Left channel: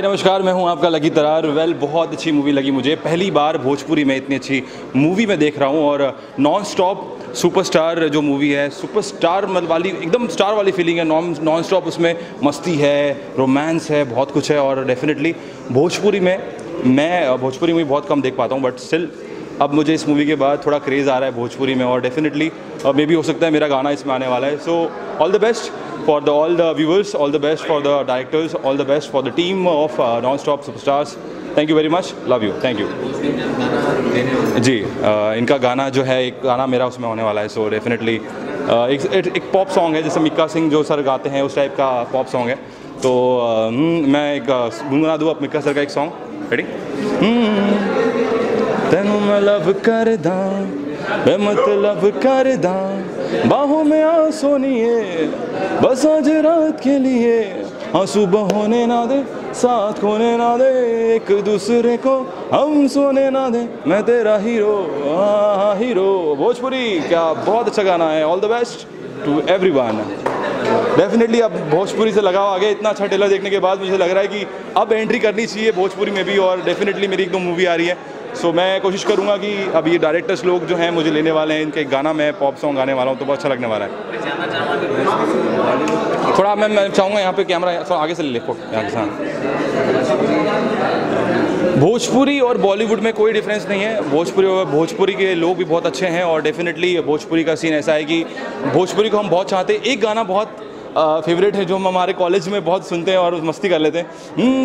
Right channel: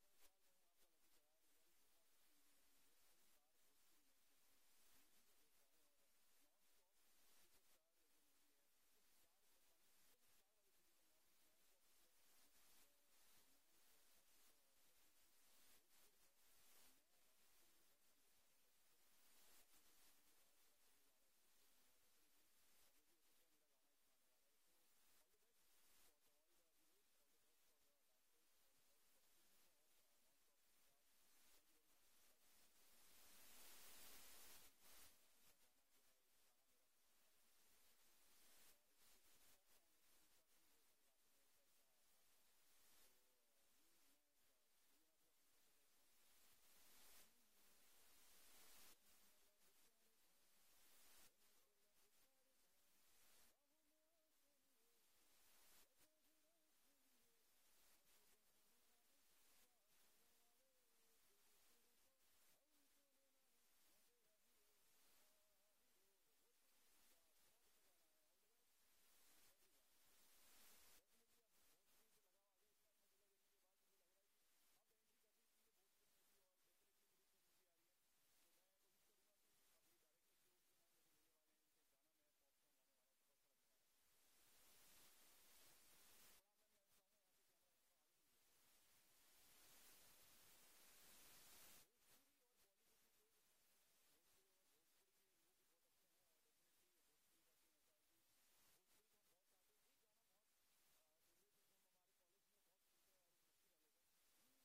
हाय नमस्कार, मैं हूं आपका लकी तरार। बहुत अच्छी मूवी लगी मुझे। पहली बार भोजपुरी में इतनी अच्छी मूवी मैं देख रहा हूं और नॉन स्टॉप सुपरस्टार जो मूवी है, सुपरस्टार वाली एकदम स्टार वाली फीलिंग है। नॉन स्टॉप उसमें मस्ती है, रोमांस है, बहुत कुछ है। और डेफिनेटली भोजपुरी में मैं भोजपुरी मूवी बहुत कम देख पाता हूँ, बट स्टिल अब मुझे इस मूवी के बाद थोड़ा क्रेज़ आ रहा है भोजपुरी में। और डेफिनेटली मे भी हो सकता है मेरा गाना इसमें आने वाला है। So all the best for all the viewers, all the best for the directors, all the best for the team of Non-Stop Superstars. Thank you very much, love you, thank you. जी इनका गाना जो है, एक गाना मेरा उसमें होने वाला है। सो डेफिनेटली एक पॉप सॉन्ग है, जैसे मिक्का सिंह जो सर गाते हैं उस टाइप का पॉप सॉन्ग है। तो मैं एक गुनगुना दूँ अब मिक्का सर का एक सॉन्ग। रेडी? तेनू मैं लव कर दा, मैं मतलब कर दा, बाहों में आ सोनिए बस आज रात के लिए, हाँ सुबह होने ना दे, साथ खोने ना दे, एक दूसरे को हम सोने ना दे, मैं तेरा हीरो, हाँ हीरो। भोजपुरी क्या बहुत अच्छा गाना है। All the best to everyone. Definitely अब भोजपुरी से लगाव आ गया। इतना अच्छा ट्रेलर देखने के बाद मुझे लग रहा है कि अब एंट्री करनी चाहिए भोजपुरी में भी। और डेफिनेटली मेरी एक दो मूवी आ रही है। सो मैं कोशिश करूंगा कि अब ये डायरेक्टर्स लोग जो हैं मुझे लेने वाले हैं, इनके गाना मैं पॉप सॉन्ग गाने वाला हूँ, तो बहुत अच्छा लगने वाला है। थोड़ा मैं चाहूँगा यहाँ पे कैमरा आगे से ले फोटो यहाँ के साथ। भोजपुरी और बॉलीवुड में कोई डिफरेंस नहीं है। भोजपुरी के लोग भी बहुत अच्छे हैं। और डेफिनेटली भोजपुरी का सीन ऐसा है कि भोजपुरी को हम बहुत चाहते हैं। एक गाना बहुत फेवरेट है जो हम हमारे कॉलेज में बहुत सुनते हैं और मस्ती कर लेते हैं।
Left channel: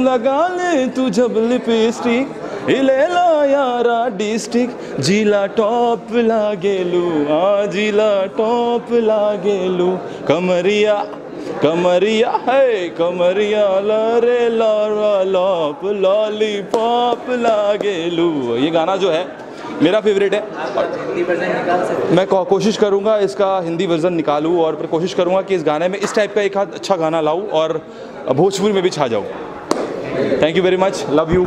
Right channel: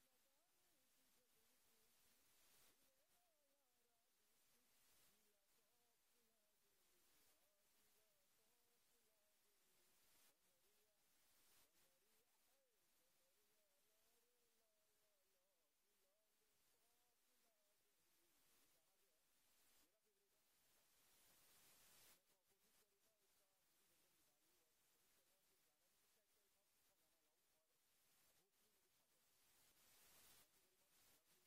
लगा ले तू जब लिपस्टिक, ले ला यारा डिस्ट्रिक्ट, जिला टॉप लागेलू, हाँ जिला टॉप लागेलू, कमरिया कमरिया है कमरिया लरे लारा लॉप लॉलीपॉप लागेलू। ये गाना जो है मेरा फेवरेट है। मैं कोशिश करूंगा इसका हिंदी वर्जन निकालूं और फिर कोशिश करूंगा कि इस गाने में इस टाइप का एक अच्छा गाना लाऊं और भोजपुरी में भी छा जाऊं। Thank you very much, love you.